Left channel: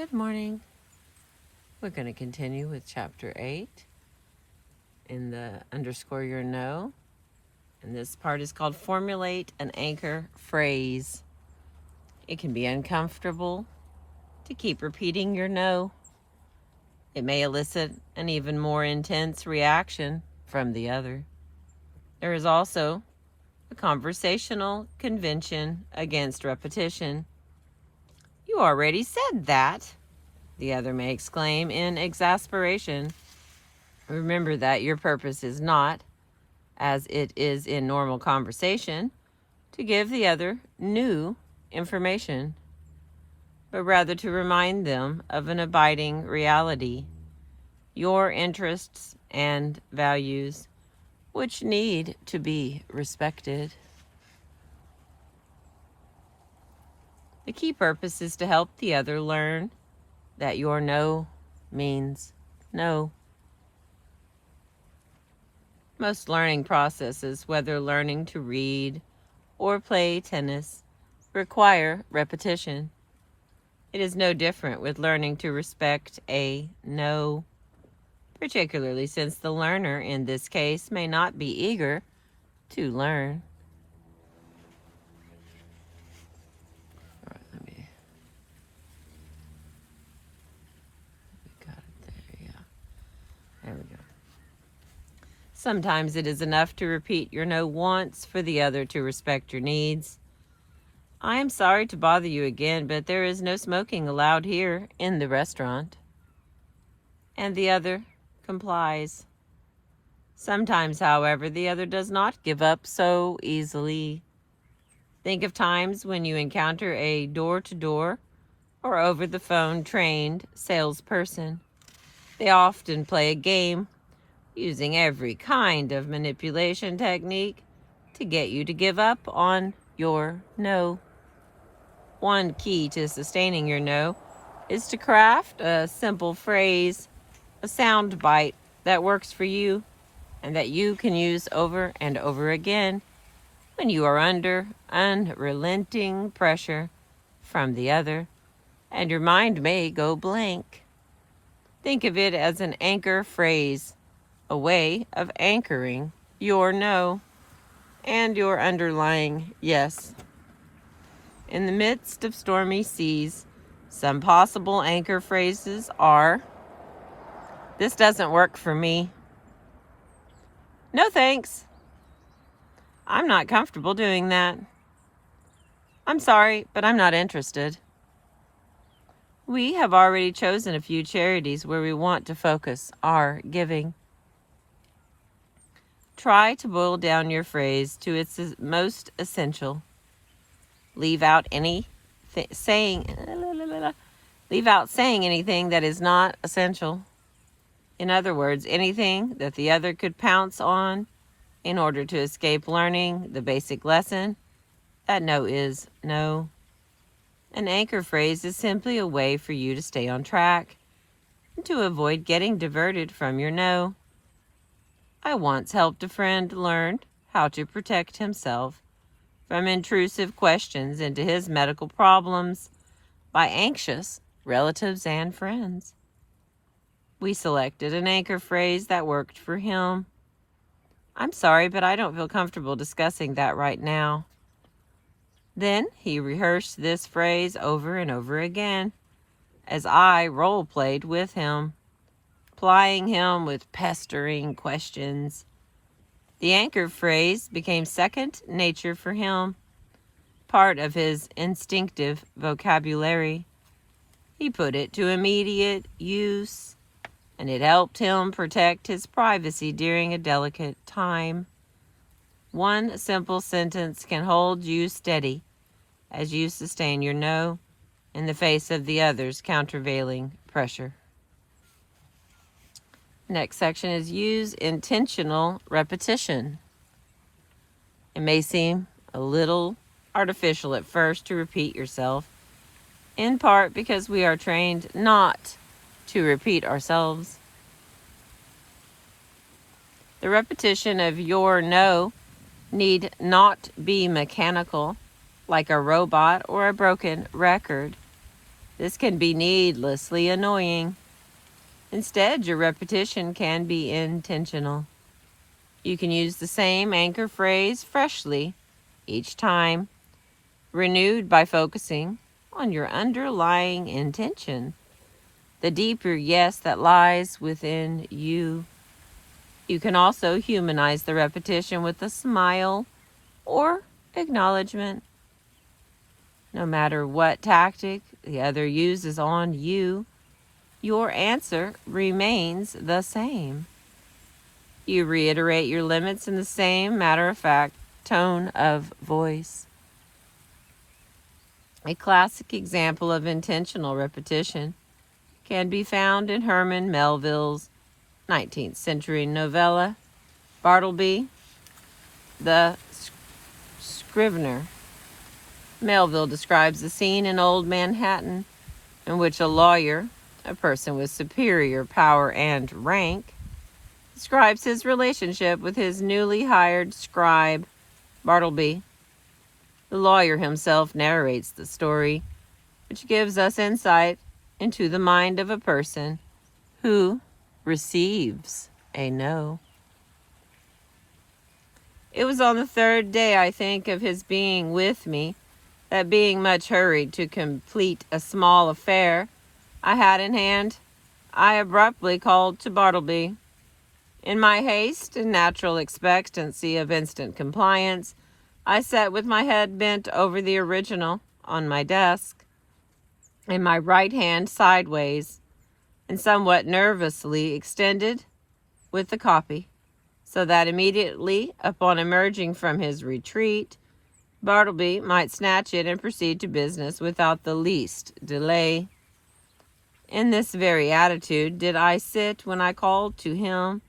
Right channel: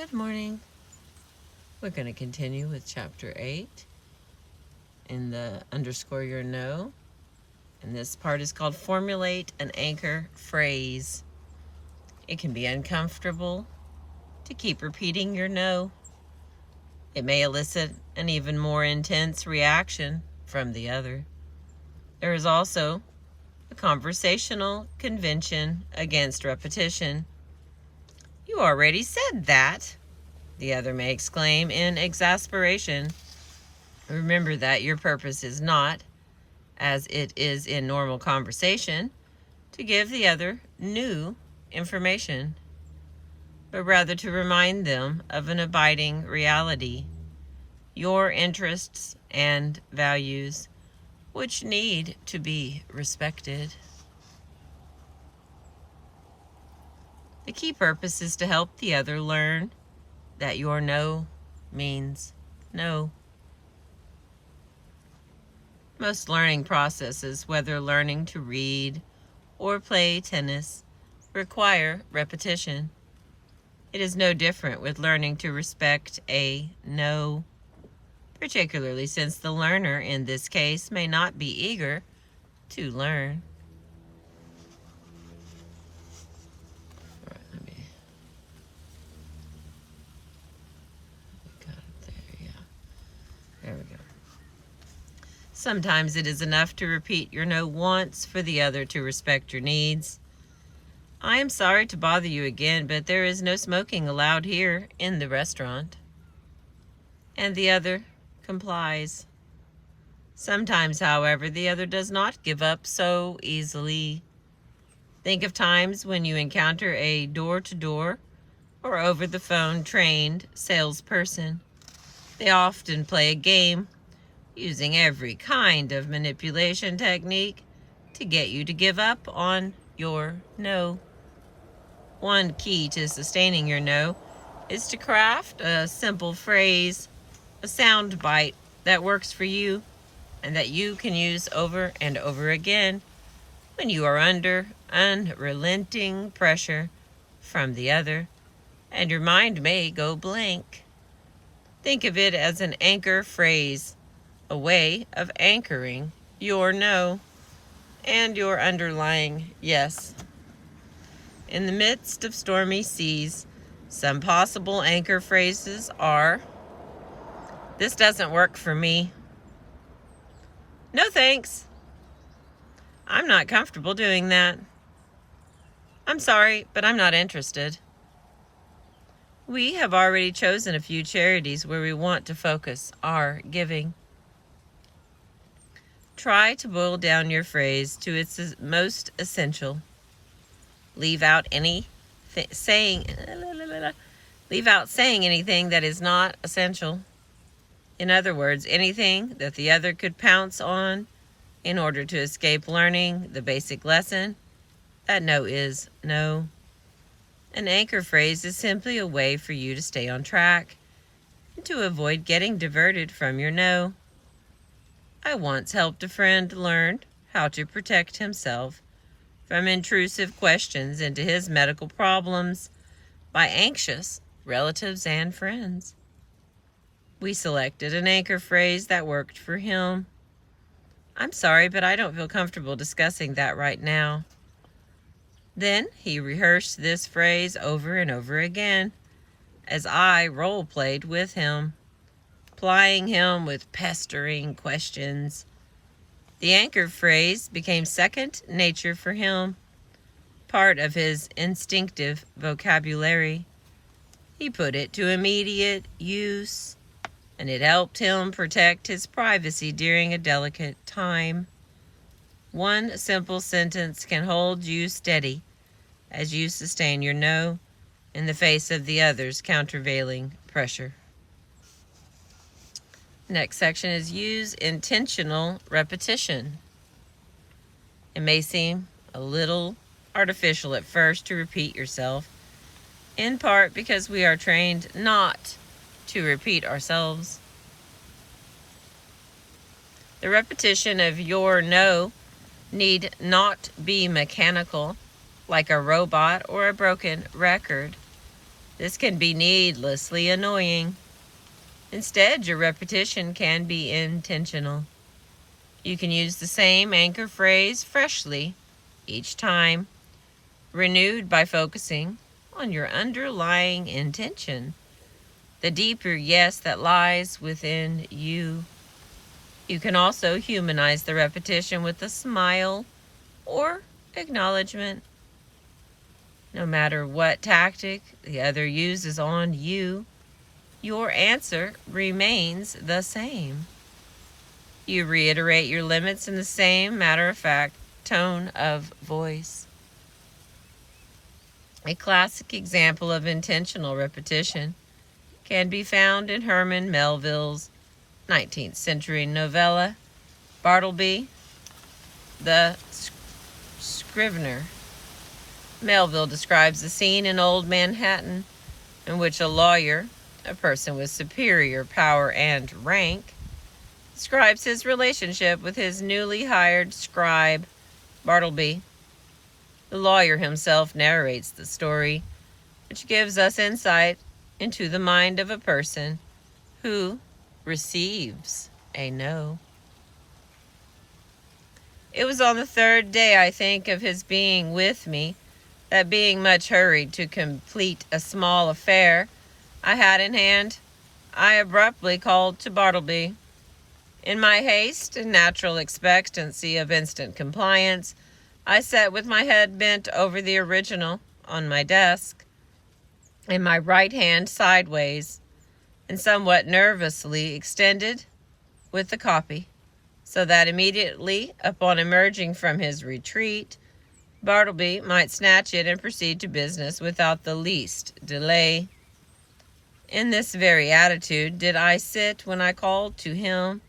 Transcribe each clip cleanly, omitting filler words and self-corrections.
Good morning. We're going to continue with chapter 8 in the underscore your no. And this part is called Formulate an Anchor Phrase. It can be uncomfortable to keep repeating your no. It may elicit an even more intense reaction from the other. There is also a conversational convention against repetition. You already said that, the other may exclaim in exasperation. Remember that your purpose is not, as it is in normal conversation, to give the other new information, but rather to remind them of an abiding reality, your interests and values, which need to be respected. The key purpose is to help the other learn that your no means no. Most learning processes, whether learning to read or play tennis, require repetition. It is no different with learning to respect a no, particularly since the learner in this case may not be eager to learn. There we go. Sometimes it is enough to repeat your no once for the other to respect your needs. I am sorry to bother you again, but there is no smoking allowed here in the restaurant. And the other complies. Sometimes, however, the other does not give up so easily. Think of times when you encounter a door-to-door or over-the-phone trained salesperson. They often play a game using every kind of manipulation technique to get you to give up on your no. One key to sustaining your no is to craft a simple phrase, a sound bite that works for you and that you can use over and over again when you are under unrelenting pressure from the other and your mind may go blank. Think of it as an anchor phrase, a way of anchoring your no and your underlying yes. In the midst of stormy seas, some possible anchor phrases are, "This doesn't work for me." "No thanks. I'm not comfortable doing that." "I'm sorry, but I'm not interested." We have already chosen a few charities where we want to focus our giving. Try to boil down your phrase to its most essential. Leave out saying anything that is not essential. In other words, anything that the other could pounce on in order to escape learning the basic lesson that no is no. An anchor phrase is simply a way for you to stay on track and to avoid getting diverted from your no. I once helped a friend learn how to protect himself from intrusive questions into his medical problems by anxious relatives and friends. We selected an anchor phrase that worked for him. "I'm sorry, but I don't feel comfortable discussing that right now." Then he rehearsed this phrase over and over again as I role-played with him, plying him with pestering questions. The anchor phrase became second nature for him, part of his instinctive vocabulary. He put it to immediate use, and it helped him protect his privacy during a delicate time. One simple sentence can hold you steady as you sustain your no in the face of the other's countervailing pressure. Next section is use intentional repetition. It may seem a little artificial at first to repeat yourself, in part because we are trained not to repeat ourselves. The repetition of your no need not be mechanical, like a robot or a broken record. This can be needlessly annoying. Instead, your repetition can be intentional. You can use the same anchor phrase freshly each time, renewed by focusing on your underlying intention, the deeper yes that lies within you. You can also humanize the repetition with a smile or acknowledgement. No matter what tactic the other uses on you, your answer remains the same. You reiterate your limits in the same matter-of-fact tone of voice. A classic example of intentional repetition can be found in Herman Melville's 19th century novella, Bartleby, the Scrivener. Melville describes the scene in old Manhattan in which a lawyer, a person with superior power and rank, describes his relationship with his newly hired scribe, Bartleby. The lawyer himself narrates the story, which gives us insight into the mind of a person who receives a no. It was on the third day, I think, of his being with me, that being much hurried to complete a small affair I had in hand, I abruptly called to Bartleby. In my haste and natural expectancy of instant compliance, I sat with my head bent over the original on my desk, and my right hand sideways, and somewhat nervously extended with the copy, so that immediately upon emerging from his retreat, Bartleby might snatch it and proceed to business without the least delay. In this very attitude did I sit when I called to him,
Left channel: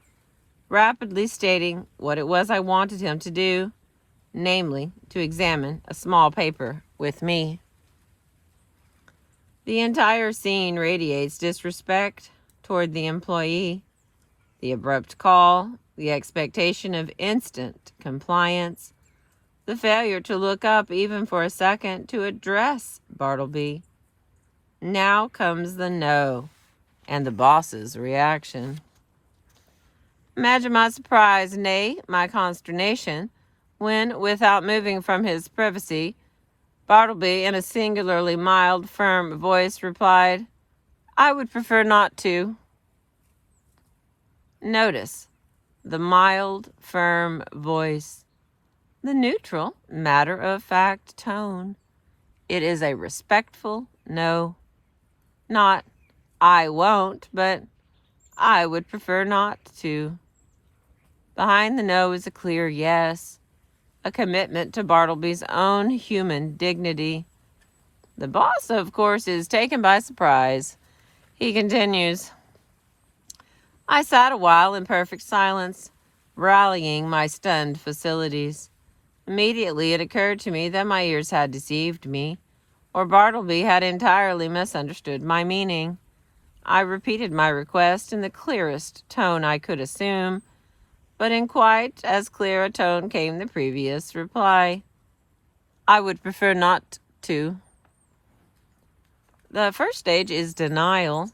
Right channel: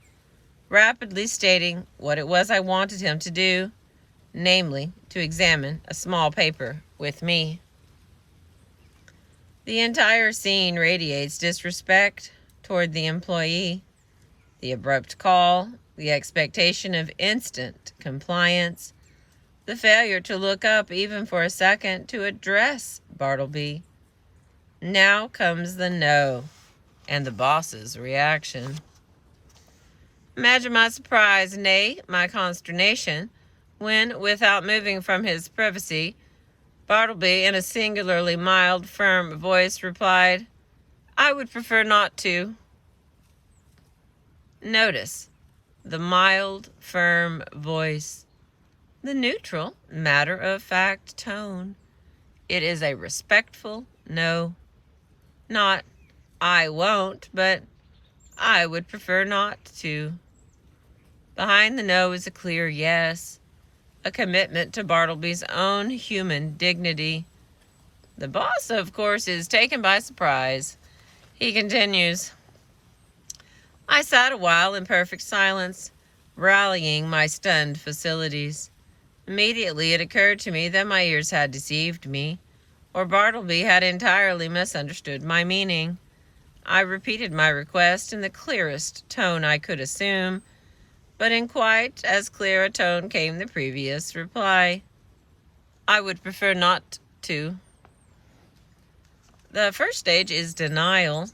rapidly stating what it was I wanted him to do, namely, to examine a small paper with me. The entire scene radiates disrespect toward the employee. The abrupt call, the expectation of instant compliance, the failure to look up even for a second to address Bartleby. Now comes the no, and the boss's reaction. Imagine my surprise, nay, my consternation, when, without moving from his privacy, Bartleby, in a singularly mild, firm voice, replied, "I would prefer not to." Notice the mild, firm voice, the neutral, matter-of-fact tone. It is a respectful no. Not, "I won't," but "I would prefer not to." Behind the no is a clear yes, a commitment to Bartleby's own human dignity. The boss, of course, is taken by surprise. He continues, "I sat a while in perfect silence, rallying my stunned faculties. Immediately it occurred to me that my ears had deceived me, or Bartleby had entirely misunderstood my meaning. I repeated my request in the clearest tone I could assume, but in quite as clear a tone came the previous reply. "I would prefer not to." The first stage is denial.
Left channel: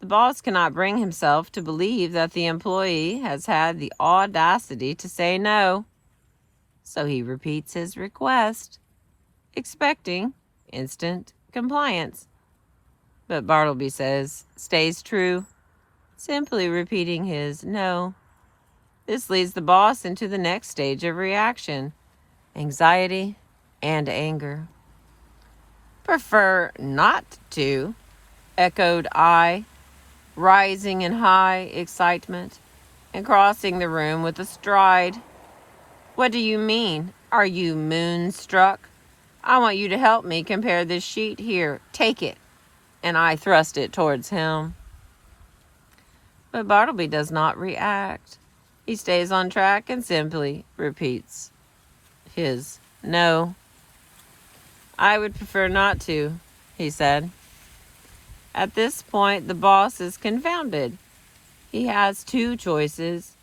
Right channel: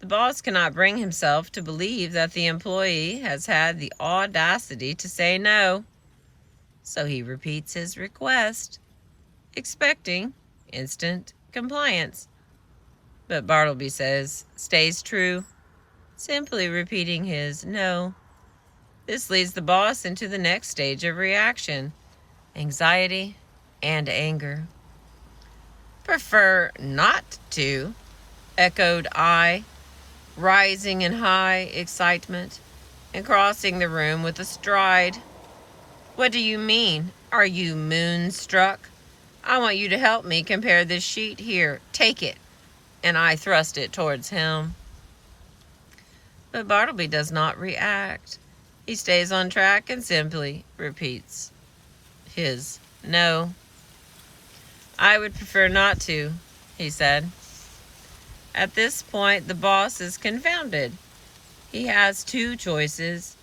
The boss cannot bring himself to believe that the employee has had the audacity to say no. So he repeats his request, expecting instant compliance. But Bartleby stays true, simply repeating his no. This leads the boss into the next stage of reaction, anxiety and anger. "Prefer not to," echoed I, rising in high excitement and crossing the room with a stride. "What do you mean? Are you moonstruck? I want you to help me compare this sheet here. Take it." And I thrust it towards him. But Bartleby does not react. He stays on track and simply repeats his no. "I would prefer not to," he said. At this point, the boss is confounded. He has two choices.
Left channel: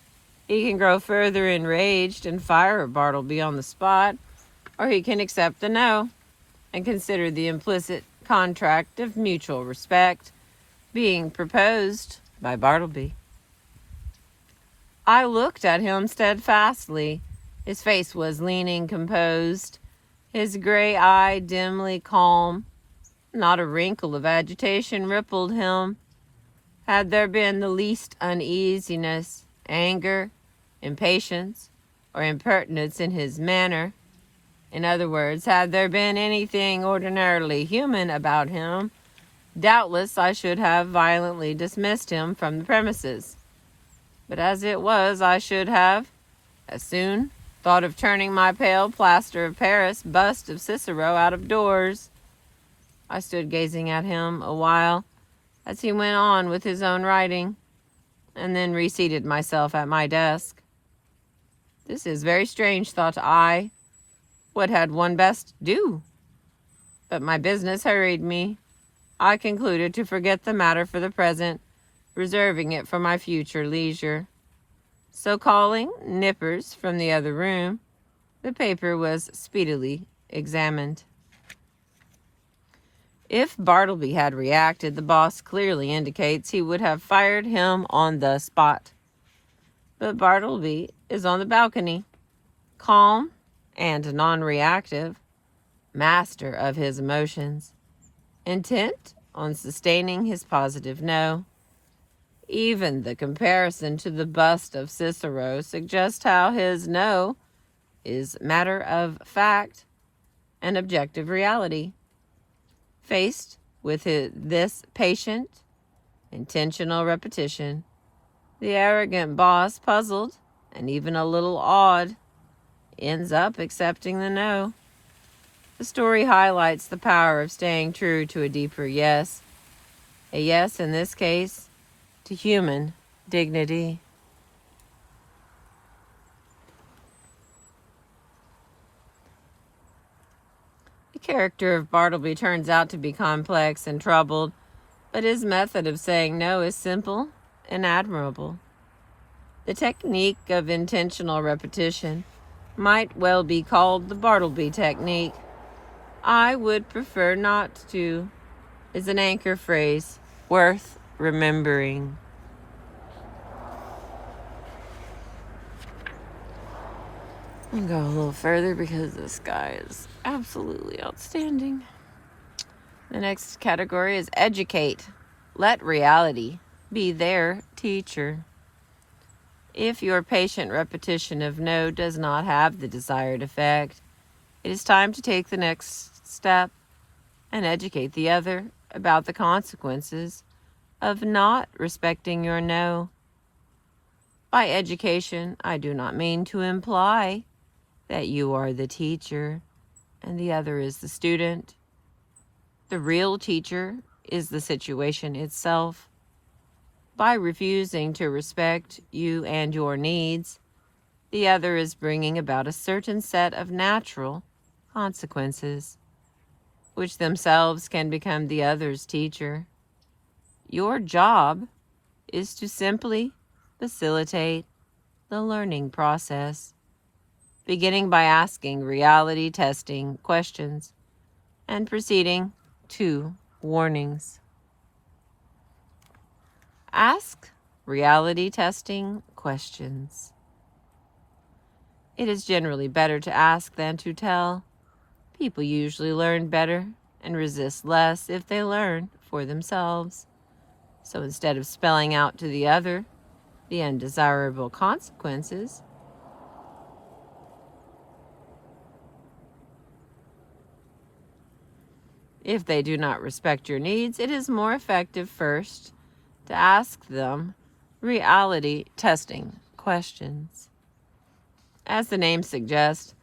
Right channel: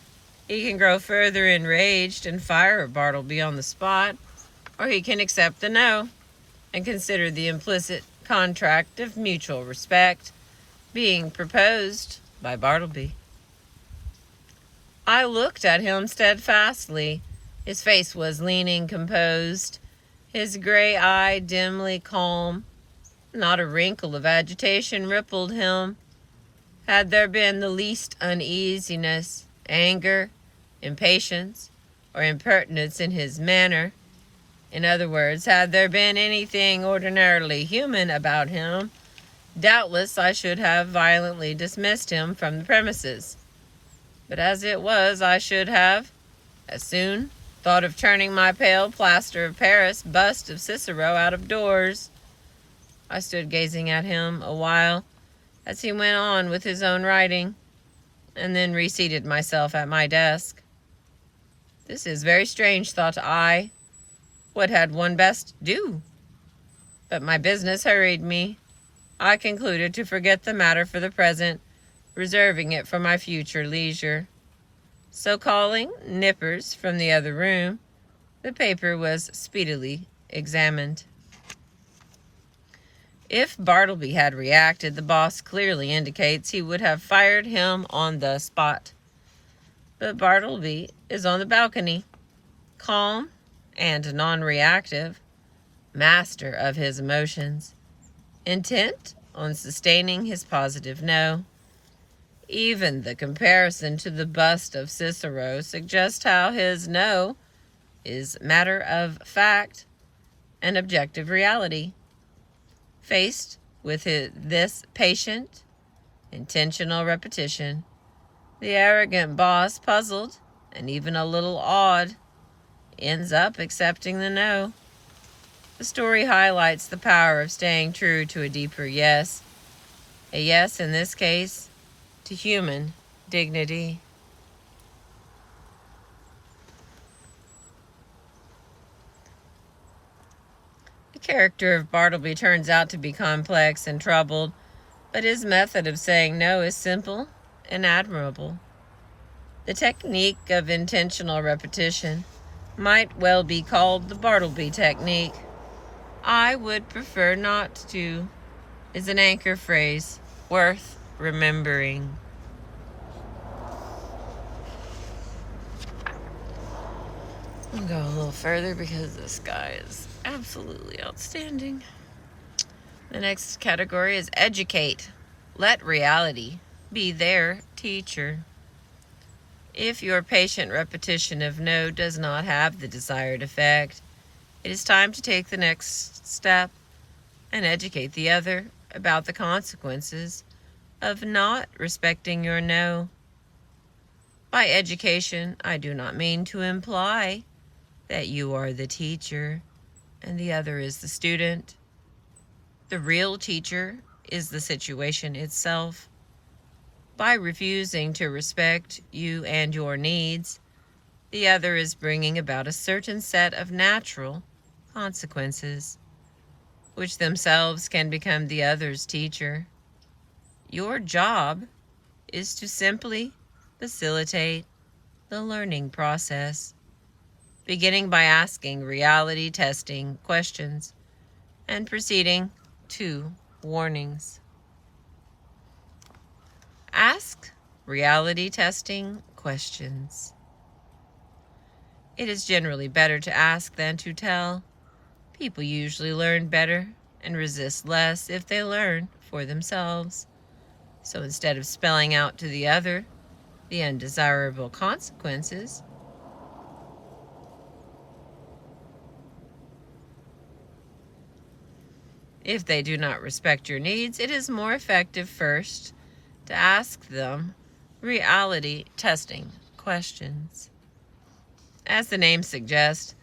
He can grow further enraged and fire Bartleby on the spot, or he can accept the no and consider the implicit contract of mutual respect being proposed by Bartleby. I looked at him steadfastly. His face was leaning composed, his gray eye dimly calm. Not a wrinkle of agitation rippled him. Had there been the least uneasiness, anger, impatience, or impertinence in his manner, in other words, had there been anything ordinarily human about him, doubtless I should have violently dismissed him from the premises. But as it was, I should have, as soon, thought of turning my pale plaster of Paris bust of Cicero out of doors. I stood gazing at him a while as he went on with his own writing, and then reseated myself at my desk. This is very strange, thought I. What had one best do? But my business hurried me. I concluded to forget the matter for the present, reserving it for my future leisure. So calling Nippers from the other room, the paper was speedily examined. If Bartleby had reacted, the boss clearly indicates he would have fired him on the spot. But Bartleby is on the balcony, calm and non-reactive, master of his emotions, intent on sustaining his positive no. Even the comparison to the bust of Cicero suggests how his no is matter of fact and objective reality. Faced with this patient, intentional repetition, the arrogant boss, puzzled and even a little awed, ends up accepting the no. The story highlights the power of staying true to a deeper yes. A yes, in this case, to human dignity. The character of Bartleby turns out to be complex and troubled, but his method of saying no is simple and admirable. The technique of intentional repetition might well be called the Bartleby technique. I would prefer not to is an anchor phrase worth remembering. I'll go a little further because this guy is absolutely outstanding. The next category is educate. Let reality be their teacher. If your patient repetition of no does not have the desired effect, it is time to take the next step and educate the other about the consequences of not respecting your no. By education, I do not mean to imply that you are the teacher and the other is the student. The real teacher is the situation itself. By refusing to respect you and your needs, the other is bringing about a certain set of natural consequences, which themselves can become the other's teacher. Your job is to simply facilitate the learning process, beginning by asking reality testing questions and proceeding to warnings. Ask reality testing questions. It is generally better to ask than to tell. People usually learn better and resist less if they learn for themselves. So instead of spelling out to the other the undesirable consequences, if they do not respect your needs, it is more effective first to ask them reality testing questions. As the name suggests,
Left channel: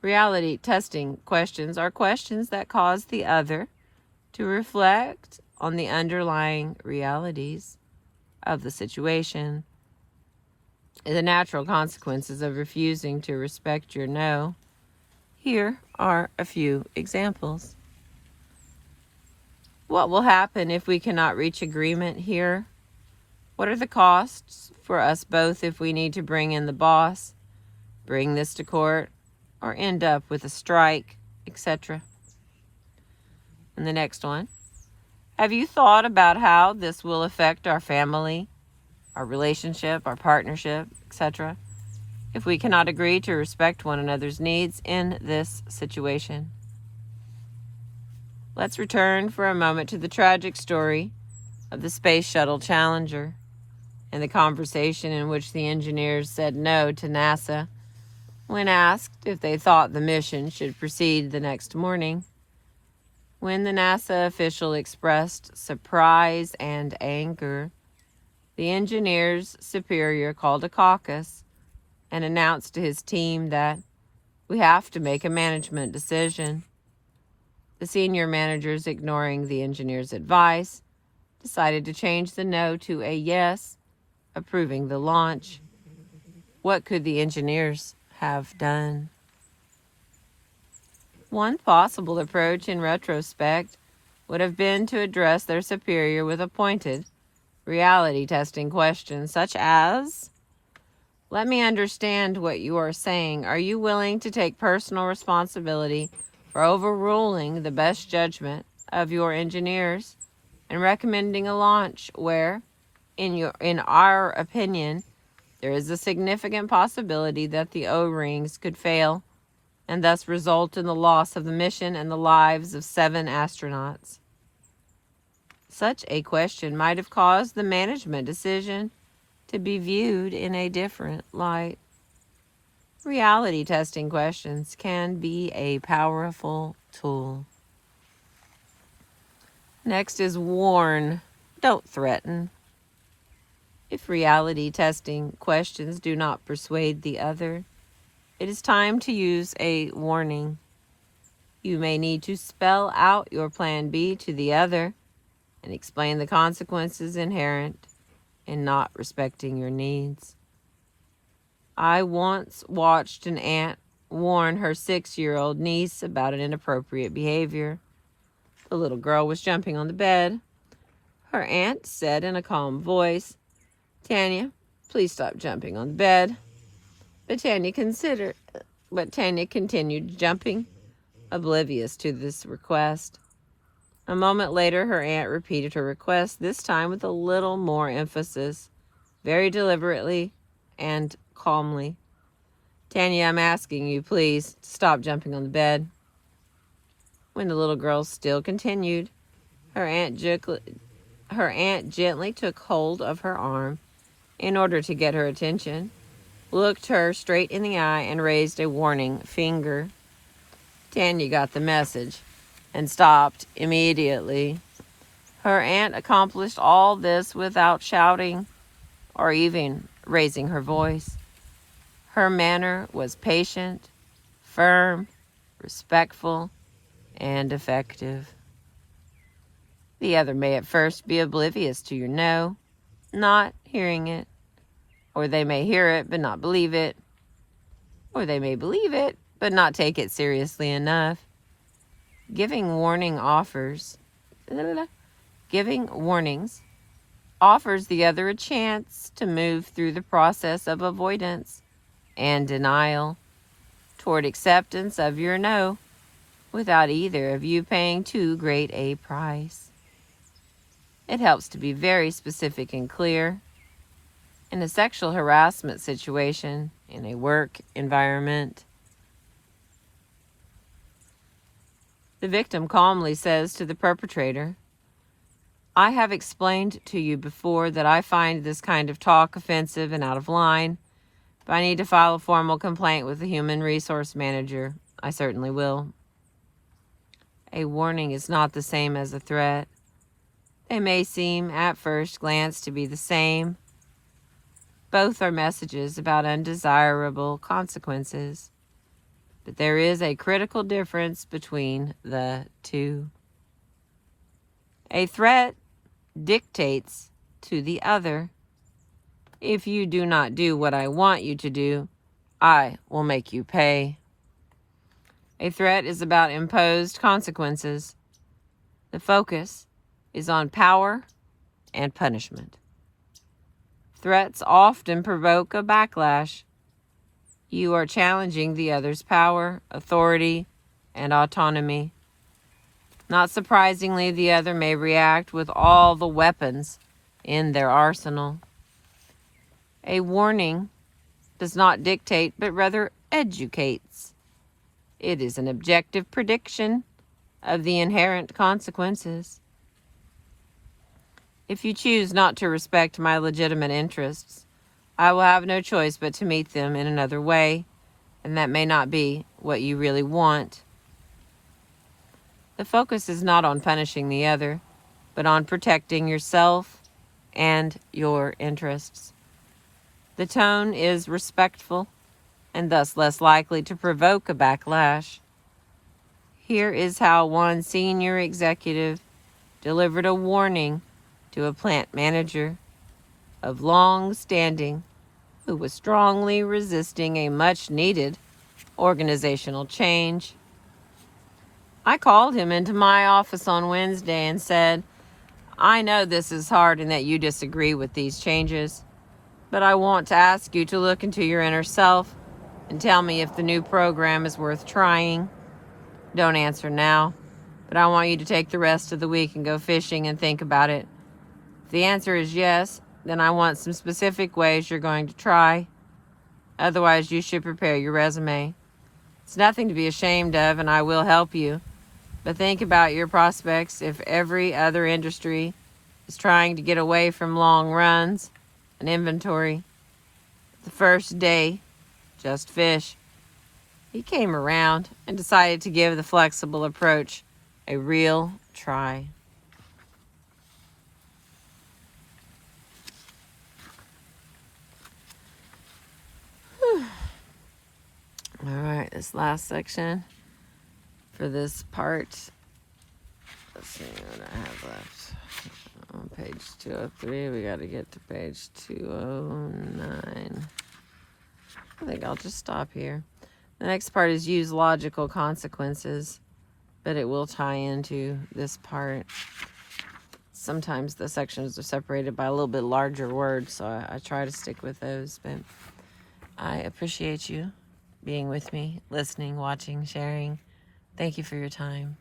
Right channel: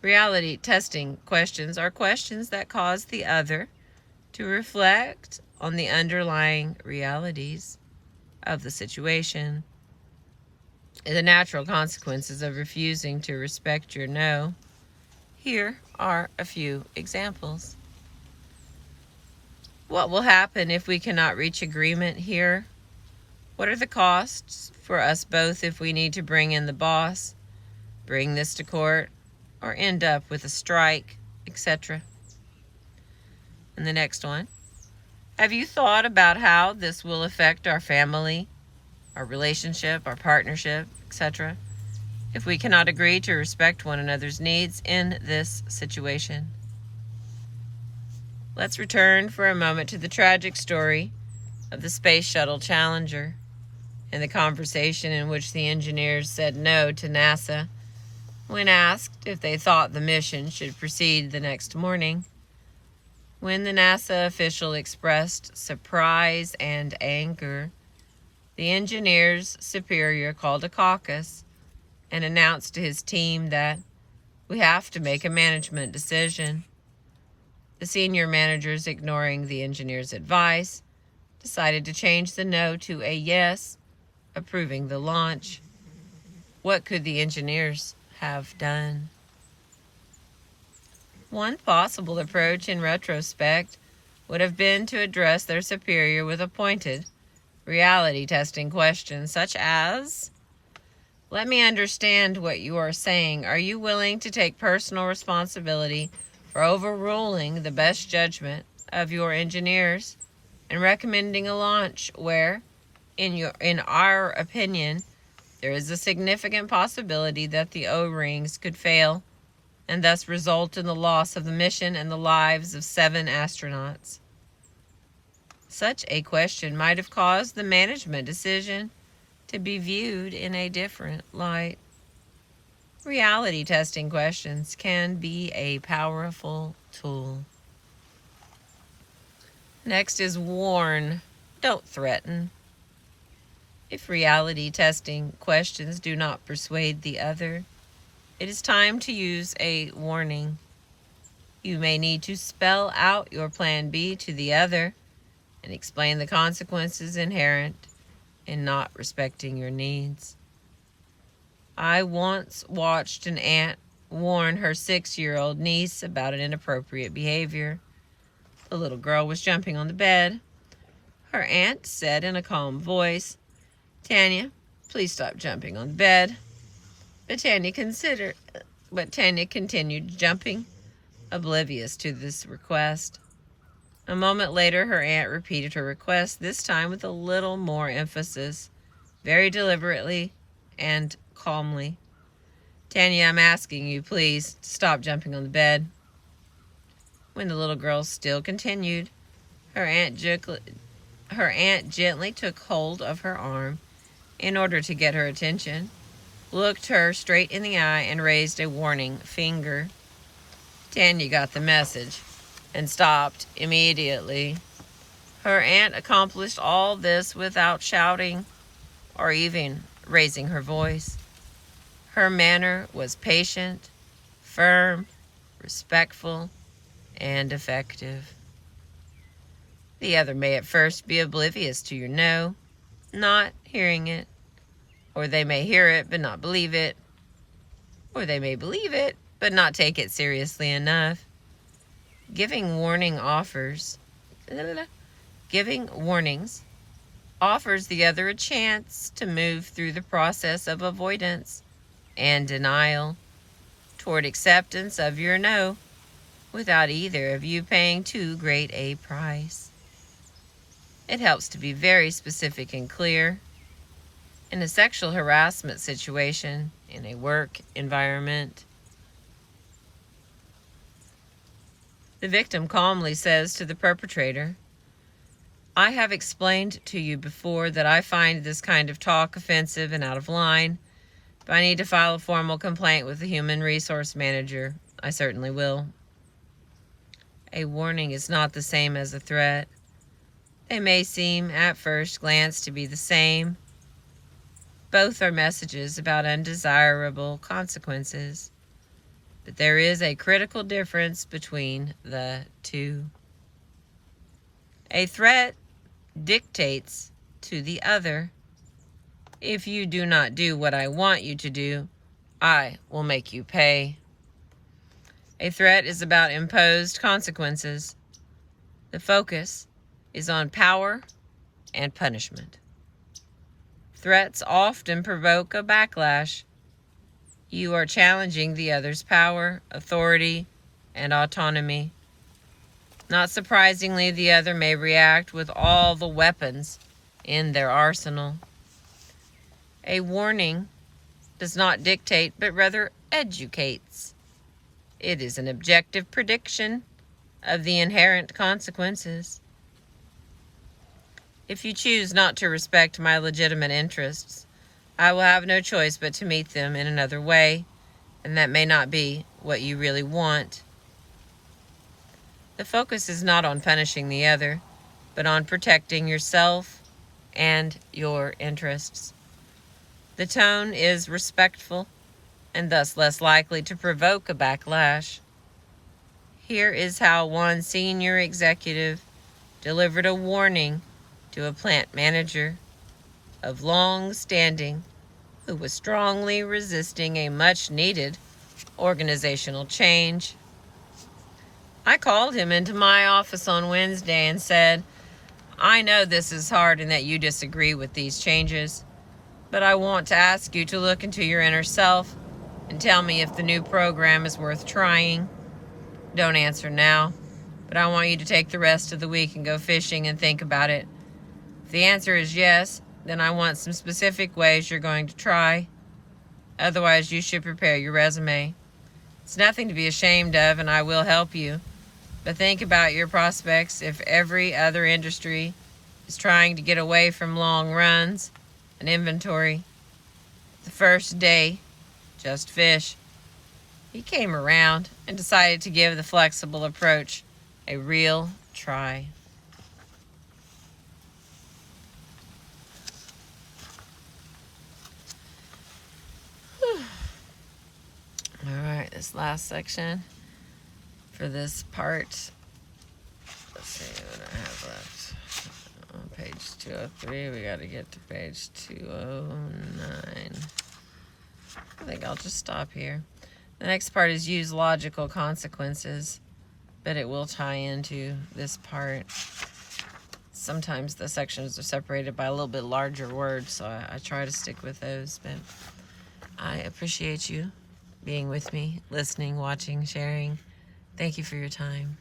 reality testing questions are questions that cause the other to reflect on the underlying realities of the situation. The natural consequences of refusing to respect your no. Here are a few examples. What will happen if we cannot reach agreement here? What are the costs for us both if we need to bring in the boss, bring this to court, or end up with a strike, etc.? And the next one, have you thought about how this will affect our family, our relationship, our partnership, etc., if we cannot agree to respect one another's needs in this situation? Let's return for a moment to the tragic story of the Space Shuttle Challenger and the conversation in which the engineers said no to NASA when asked if they thought the mission should proceed the next morning. When the NASA official expressed surprise and anger, the engineer's superior called a caucus and announced to his team that we have to make a management decision. The senior managers, ignoring the engineer's advice, decided to change the no to a yes, approving the launch. What could the engineers have done? One possible approach in retrospect would have been to address their superior with a pointed, reality testing question such as, let me understand what you are saying. Are you willing to take personal responsibility for overruling the best judgment of your engineers and recommending a launch where, in our opinion, there is a significant possibility that the O-rings could fail and thus result in the loss of the mission and the lives of 7 astronauts? Such a question might have caused the management decision to be viewed in a different light. Reality testing questions can be a powerful tool. Next is warn, don't threaten. If reality testing questions do not persuade the other, it is time to use a warning. You may need to spell out your plan B to the other and explain the consequences inherent in not respecting your needs. I once watched an aunt warn her 6-year-old niece about an inappropriate behavior. The little girl was jumping on the bed. Her aunt said in a calm voice, "Tanya, please stop jumping on the bed." But Tanya continued jumping, oblivious to this request. A moment later, her aunt repeated her request, this time with a little more emphasis, very deliberately and calmly. "Tanya, I'm asking you, please, to stop jumping on the bed." When the little girl still continued, her aunt gently took hold of her arm in order to get her attention, looked her straight in the eye, and raised a warning finger. Tanya got the message and stopped immediately. Her aunt accomplished all this without shouting or even raising her voice. Her manner was patient, firm, respectful, and effective. The other may at first be oblivious to your no, not hearing it, or they may hear it but not believe it, or they may believe it but not take it seriously enough. Giving warnings offers the other a chance to move through the process of avoidance and denial toward acceptance of your no without either of you paying too great a price. It helps to be very specific and clear. In a sexual harassment situation, in a work environment, the victim calmly says to the perpetrator, "I have explained to you before that I find this kind of talk offensive and out of line. If I need to file a formal complaint with the human resource manager, I certainly will." A warning is not the same as a threat. They may seem at first glance to be the same. Both are messages about undesirable consequences, but there is a critical difference between the two. A threat dictates to the other, "If you do not do what I want you to do, I will make you pay." A threat is about imposed consequences. The focus is on power and punishment. Threats often provoke a backlash. You are challenging the other's power, authority, and autonomy. Not surprisingly, the other may react with all the weapons in their arsenal. A warning does not dictate, but rather educates. It is an objective prediction of the inherent consequences. If you choose not to respect my legitimate interests, I will have no choice but to meet them in another way, and that may not be what you really want. The focus is not on punishing the other, but on protecting yourself and your interests. The tone is respectful and thus less likely to provoke a backlash. Here is how one senior executive delivered a warning to a plant manager of long standing who was strongly resisting a much-needed organizational change. I called him into my office on Wednesday and said, "I know this is hard and that you disagree with these changes, but I want to ask you to look into your inner self and tell me if the new program is worth trying. Don't answer now, but I want you to take the rest of the week and go fishing and think about it. If the answer is yes, then I want some specific ways you're going to try. Otherwise, you should prepare your resume. It's nothing to be ashamed of, and I will help you. But think about your prospects if every other industry is trying to get away from long runs and inventory. The first day, just fish." He came around and decided to give the flexible approach a real try. All right, this last section for this part. Let's see what I have left. On page 203, we got to get to page 209. I think I'll just stop here. The next part is use logical consequences, but it will tie into this part. Sometimes the sections are separated by a little bit larger words, so I try to stick with those. But I appreciate you being with me, listening, watching, sharing. Thank you for your time.